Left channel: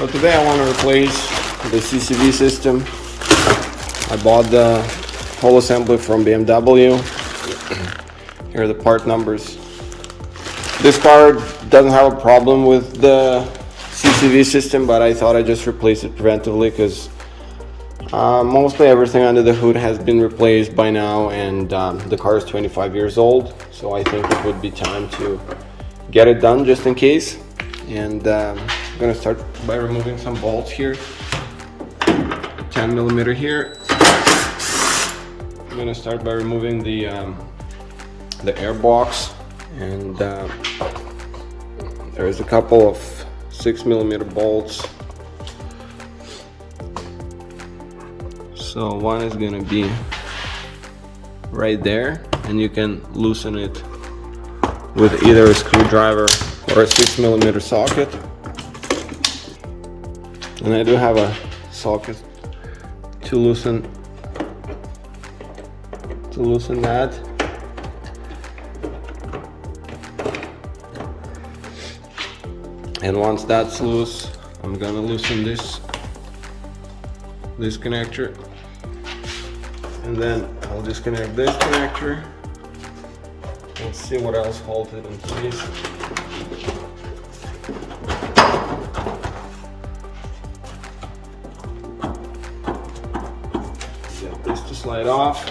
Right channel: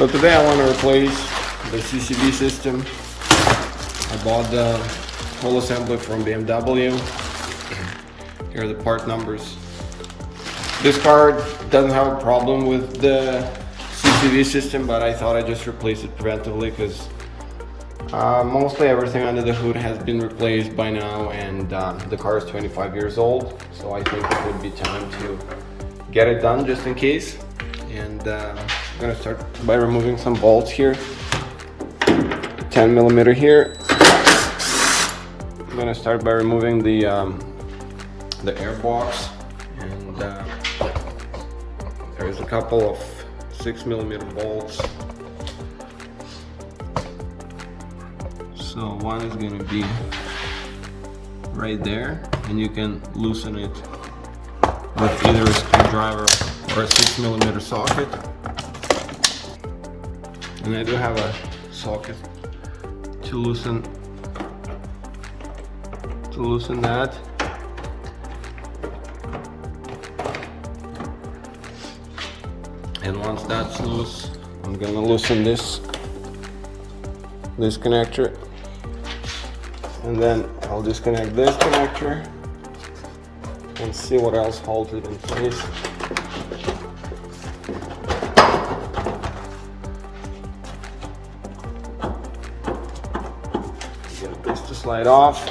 So today I want to replace the CCV system. I bought the whole assembly from BMW. Here are the part numbers. This car doesn't have a problem with the CCV system, but I thought I'd just replace it preventively because mostly everything under the hood has been replaced by now, and the car is 25 years old, so I think it would be time to get it done just in case. And I'm going to start by removing some bolts here. 10mm here. I'm going to start by removing the air box, and there's a couple of 6mm bolts. So one is going to be right there, and you can loosen it with either a screwdriver or a 6mm socket. And I do have a socket to loosen that. And once that's loose, I'm gonna loosen this connector, and then I'll disconnect this connector and see what else holds it in place. Get this to slide off,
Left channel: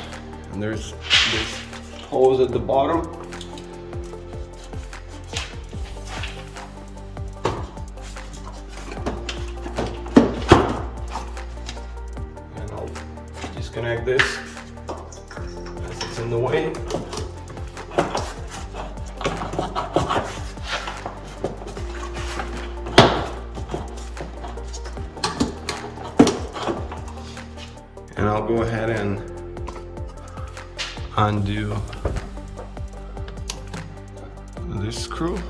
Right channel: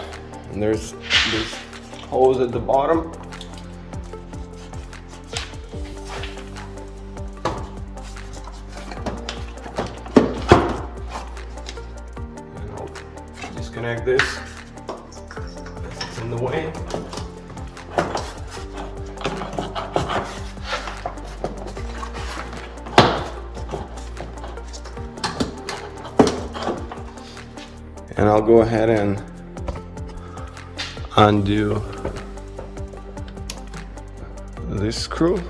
and there's this hose at the bottom. And I'll disconnect this as it's in the way. And I'll go ahead and undo this screw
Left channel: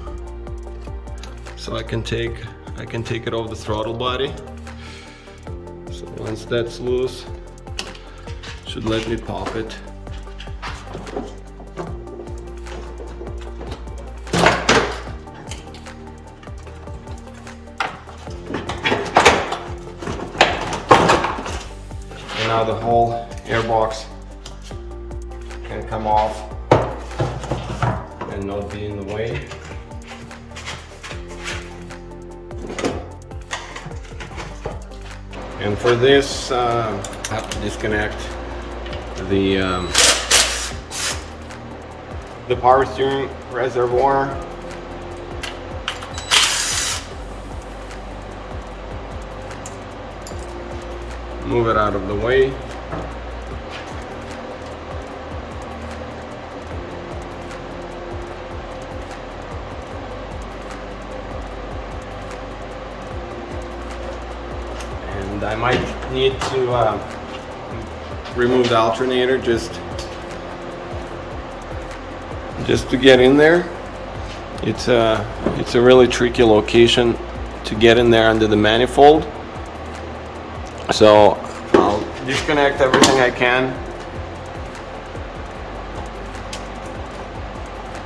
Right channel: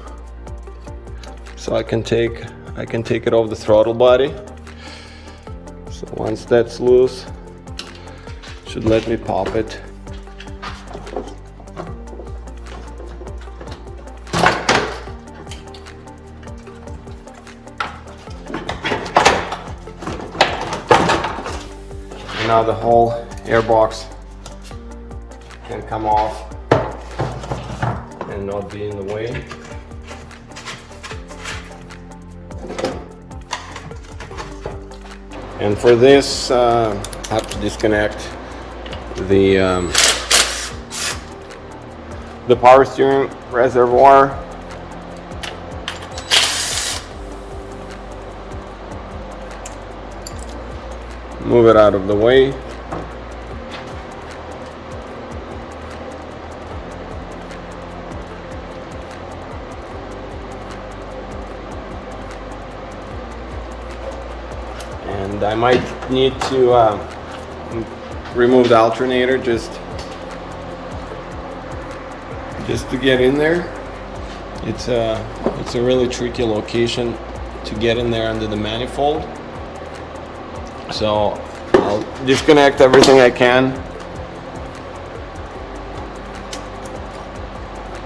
so I can take it off the throttle body. So once that's loose, it should let me pop it. And now the whole airbox can come off and not be in the way. And for this, I have to disconnect the power steering reservoir. Move it out of the way. And I might need to remove the alternator just to get in there. It's a really tricky location to get in there under the manifold. So I'll disconnect everything I can.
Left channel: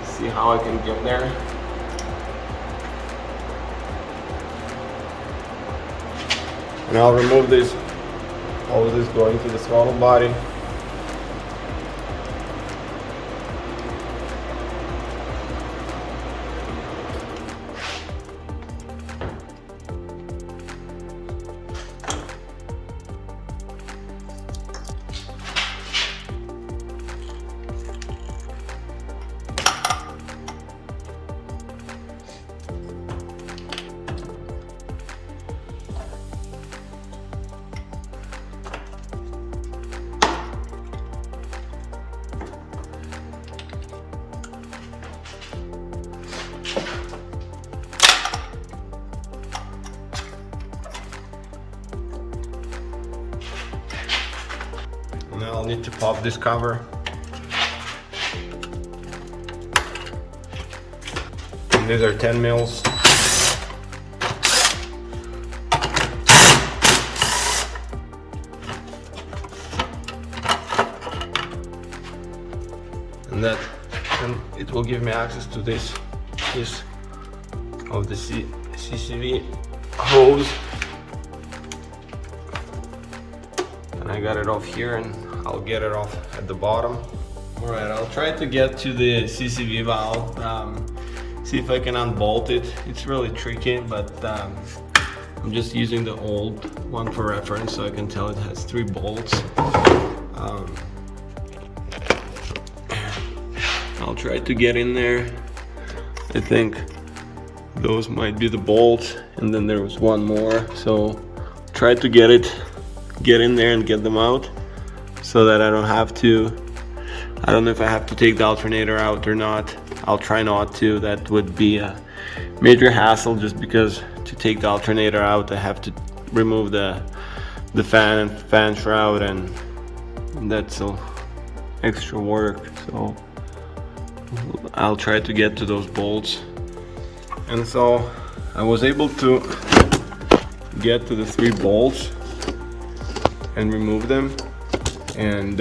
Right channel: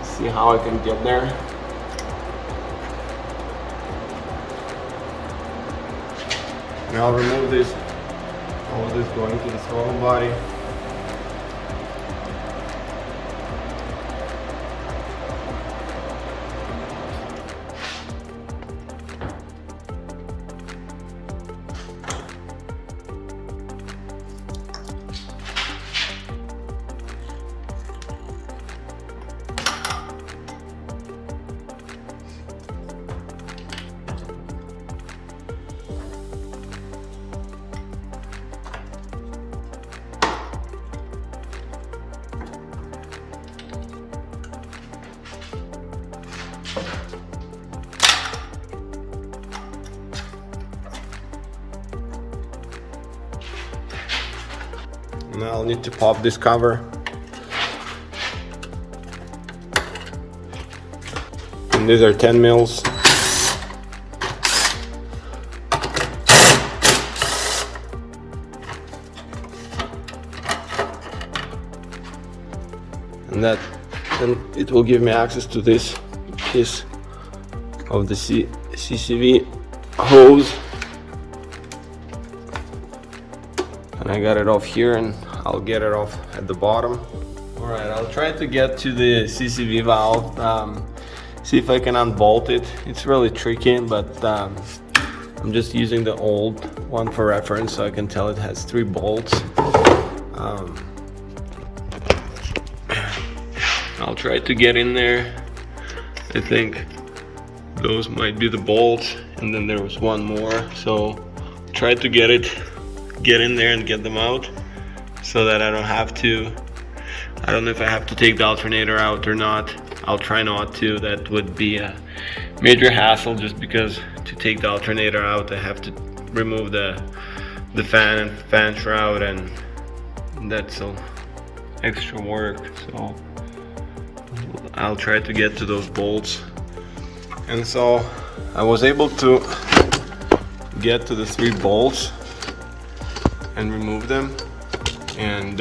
See how I can get there. And I'll remove this, all of this going to the throttle body. Now I'll need to pop this cover. And these are 10 mils. And it will give me access to this piece of the CCV hose. and I got it off here, and I'll get it off at the bottom. All right, I'll try to get to the CCV valve, see if I can unbolt it. It's really tricky, but I'm just using the old one for reference, so I can tell it has 3 bolts. I'll try to get in there. I think those might be the bolts, and then there was one more, so try to get in there and get them out so that I don't have to. I don't know if I have to take the alternator out or not. I'll try not to. That would be a major hassle, just because to take the alternator out I have to remove the fan and fan shroud, and that's extra work. So I'll try to get to those bolts. And so I was able to get to the 3 bolts and remove them, and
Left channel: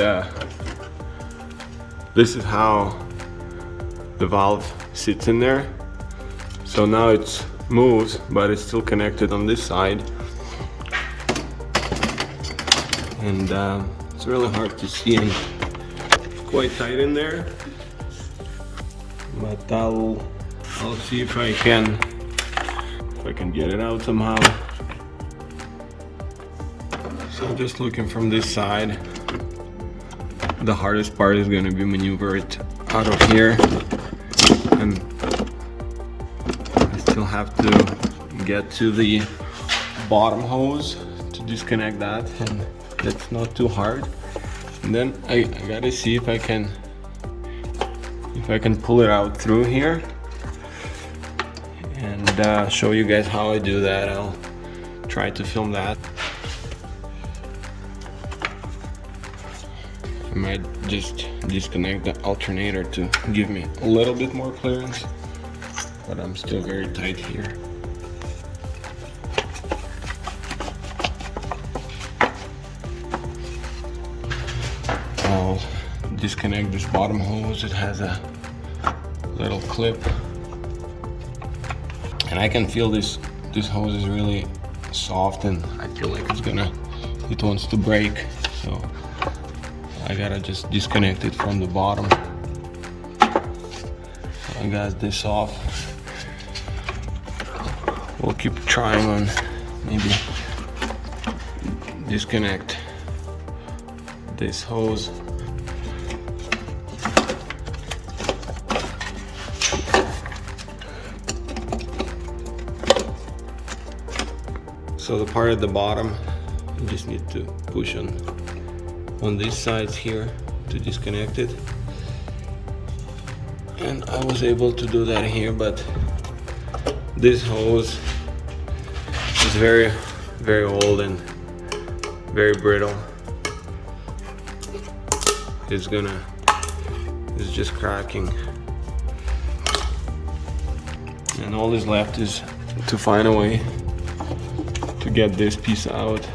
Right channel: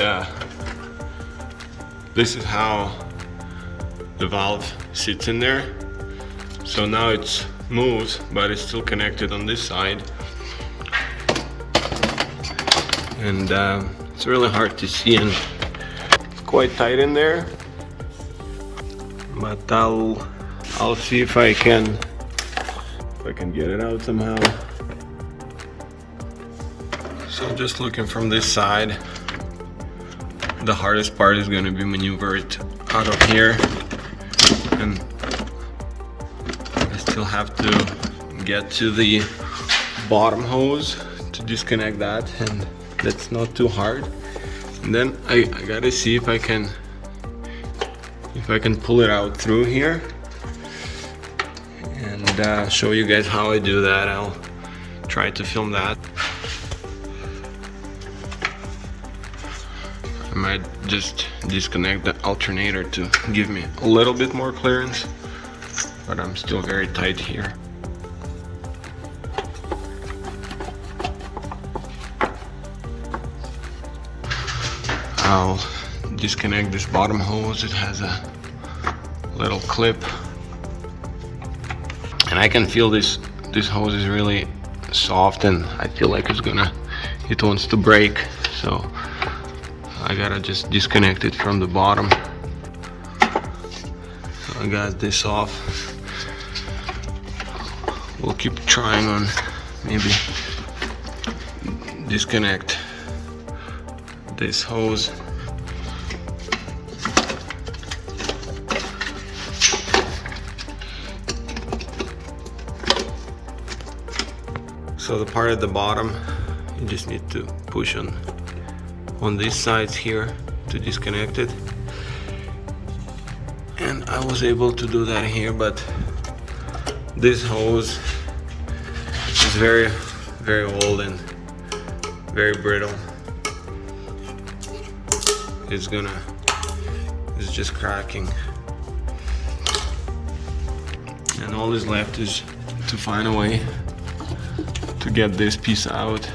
this is how the valve sits in there. So now it's moves, but it's still connected on this side, and it's really hard to see and quite tight in there, but I'll see if I can get it out somehow. So I'm just looking from this side. The hardest part is going to be maneuver it out of here, and I still have to get to the bottom hose to disconnect that, and that's not too hard. And then I gotta see if I can pull it out through here, and show you guys how I do that. I'll try to film that. I might just disconnect the alternator to give me a little bit more clearance, but I'm still very tight here. I'll disconnect this bottom hose. It has a little clip, and I can feel this hose is really soft, and I feel like it wants to break, so I gotta just disconnect it from the bottom. So I got this off. We'll keep trying on maybe disconnect this hose. So the part at the bottom, you just need to push on these sides here to disconnect it, and I was able to do that here, but this hose is very, very old and very brittle. It's just cracking, and all is left is to find a way to get this piece out.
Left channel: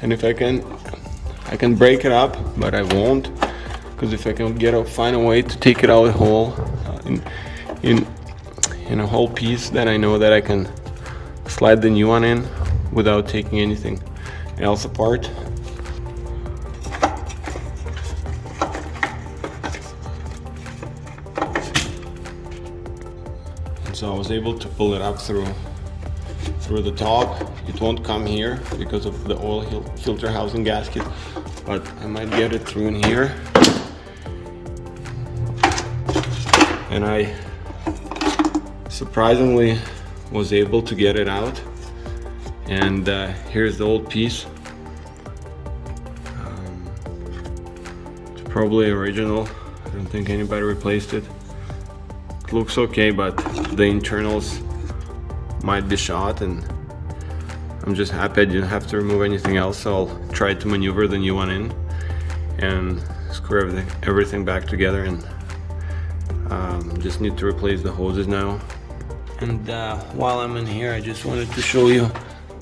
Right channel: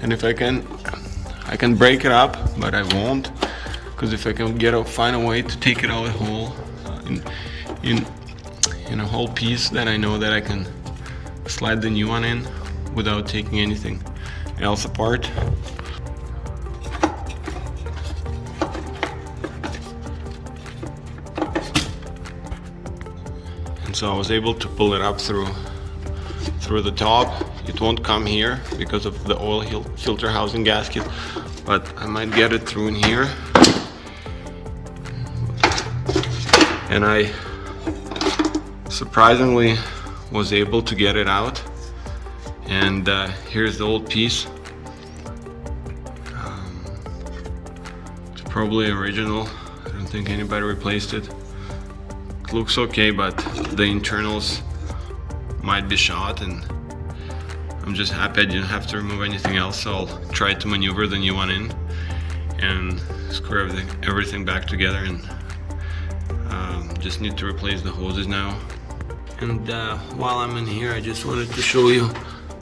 And if I can break it up, but I won't, because if I can find a way to take it out whole in a whole piece, then I know that I can slide the new one in without taking anything else apart. And so I was able to pull it up through the top. It won't come here because of the oil filter housing gasket, but I might get it through in here. And I surprisingly was able to get it out, and here's the old piece. It's probably original. I don't think anybody replaced it. It looks okay, but the internals might be shot, and I'm just happy I didn't have to remove anything else. So I'll try to maneuver the new one in and screw everything back together, and just need to replace the hoses now. And while I'm in here, I just wanted to show you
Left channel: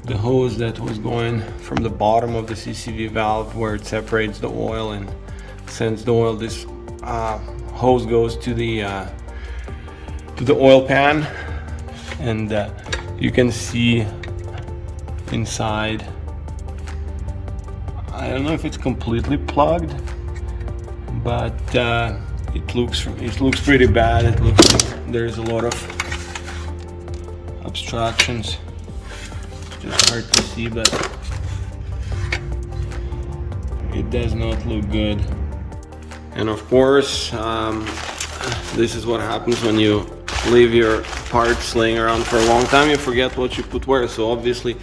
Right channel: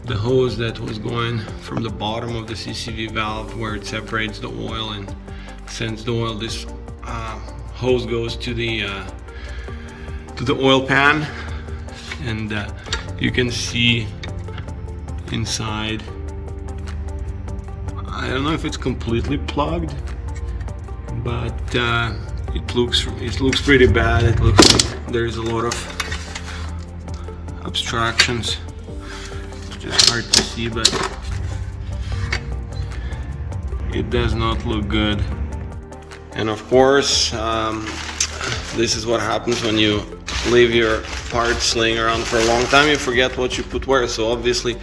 the hose that was going from the bottom of the CCV valve, where it separates the oil and sends the oil. This hose goes to the oil pan, and you can see inside I don't know if it's completely plugged, but it looks pretty bad. It looks like there's a lot of obstructions. It's just hard to see, but it does not look good. And of course, this is what happens when you leave your parts laying around for a long time. You forget what you put where. So obviously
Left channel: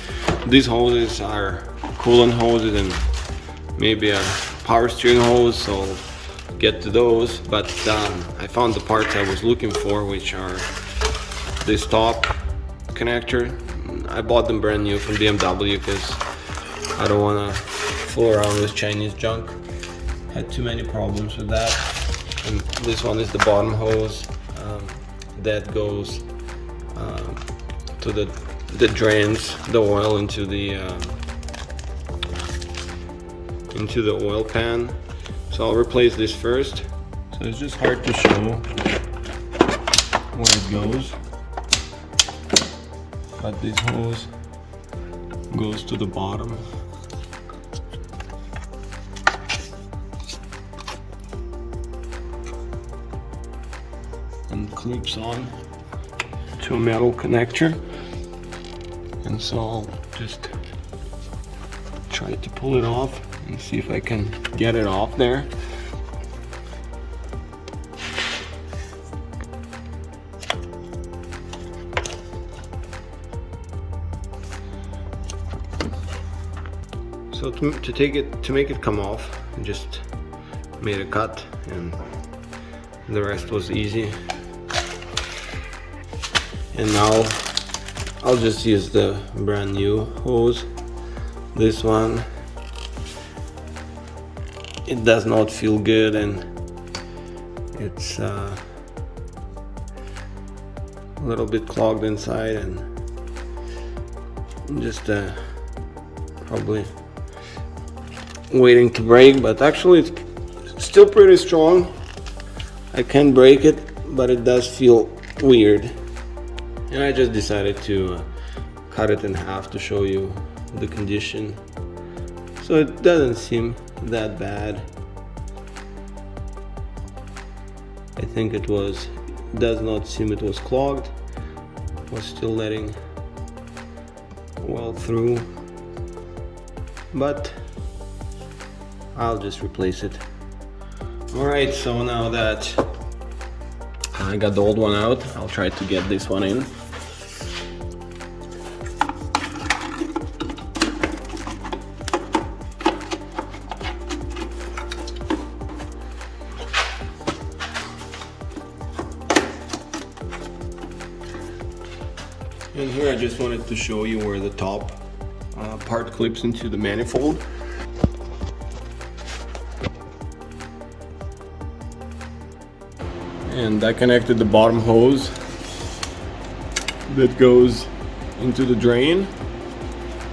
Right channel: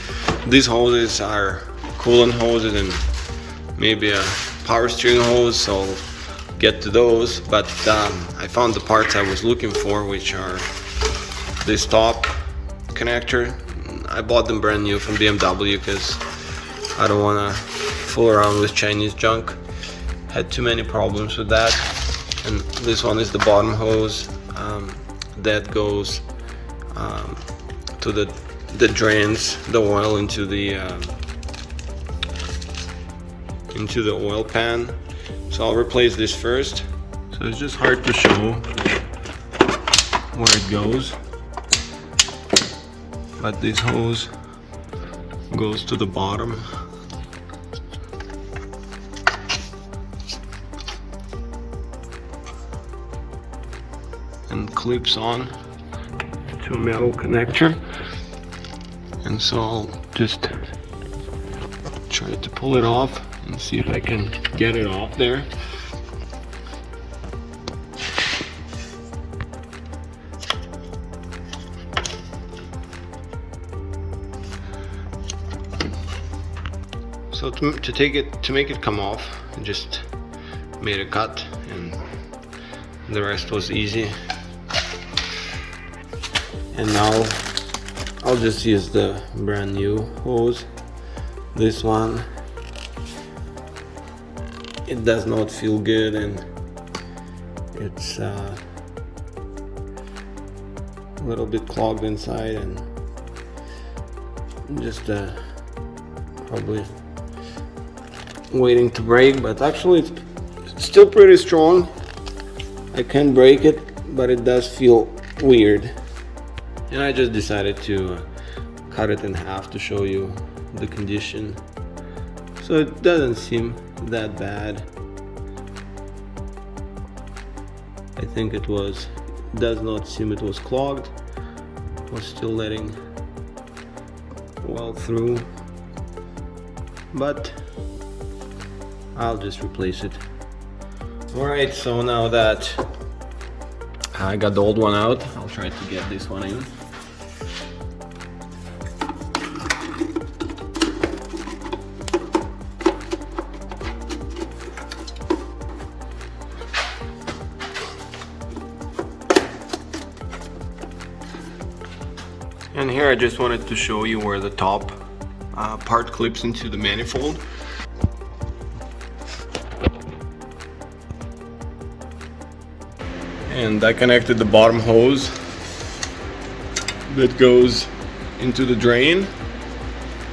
these hoses are coolant hoses and maybe a power steering hose, so I'll get to those. But I found the parts I was looking for, which are this top connector. I bought them brand new from BMW because I don't want to fool around with Chinese junk. Had too many problems with that. And this one is the bottom hose that goes to the drains the oil into the oil pan. So I'll replace this first. So it's just hard to show where it goes, but this hose goes to the bottom. And clips on to a metal connector. And so I'll just try to pull it off and see if I can get it off there. So to make it come off, I just made a cut, and the rest was easy. And now I'll just use the brand new hose. This one, it does not feel good, and it's a little bit clogged inside, and just probably waiting to break. But actually it's still pretty strong. I can break it, but it does feel weird. And I just decided to cut it in half to show you the condition. So it doesn't seem that bad. I think it does not seem it was clogged. It was still letting well through. But I'll just replace it. Alright, so now that I got the old one out, I'll try to get this one in. And here I just wanted to show you where the top part clips into the manifold. And I connected the bottom hose that goes into the drain,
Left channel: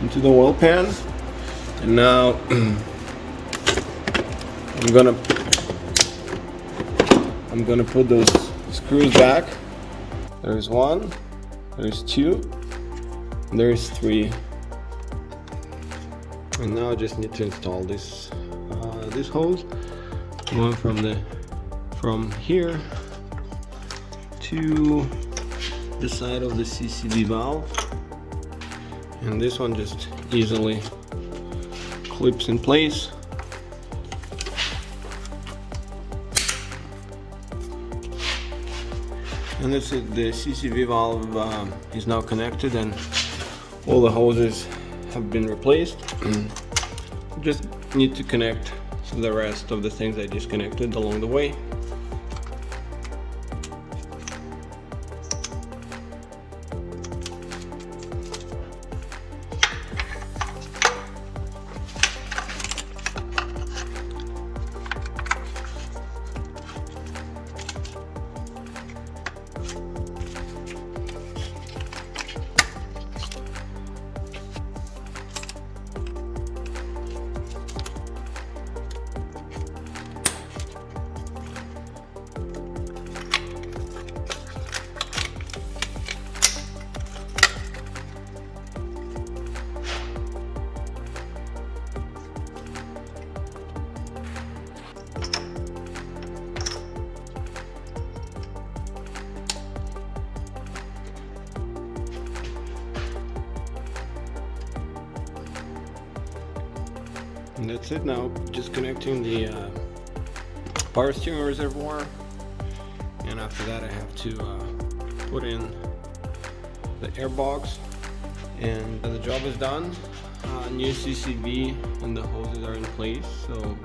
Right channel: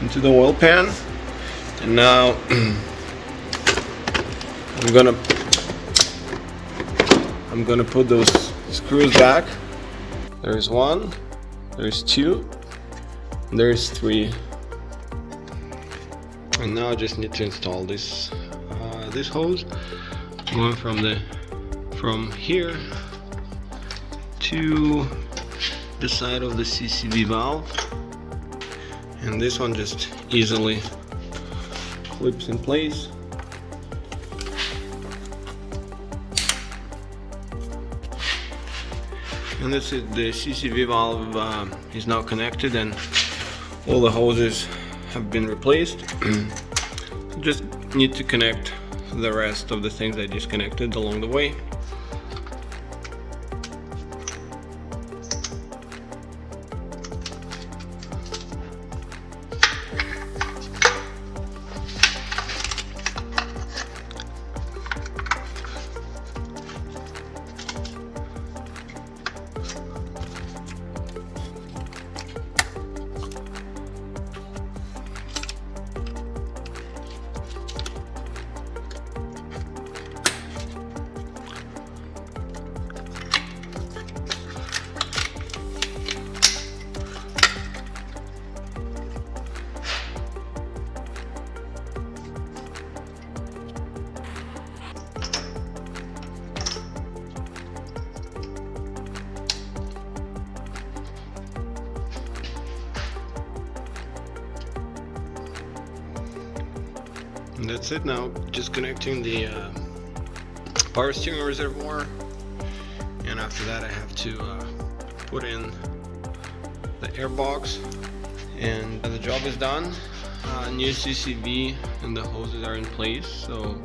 into the oil pan. And now I'm gonna put those screws back. There's one, there's two, there's three. And now I just need to install this this hose going from here to the side of the CCV valve, and this one just easily clips in place. And that's it. The CCV valve is now connected, and all the hoses have been replaced. Just need to connect the rest of the things I disconnected along the way. And that's it now. Just connecting the power steering reservoir, and after that I have to put in the air box, and the job is done. New CCV and the hoses are in place, so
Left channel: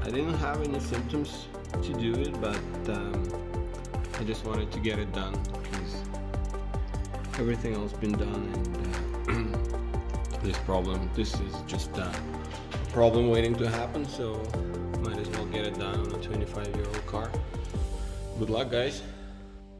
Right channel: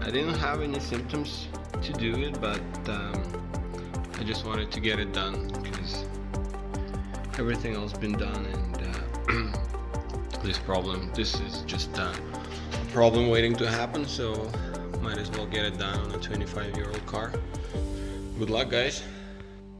I didn't have any symptoms to do it, but I just wanted to get it done because everything else been done, and this is just a problem waiting to happen, so might as well get it done on a 25-year-old car. Good luck, guys.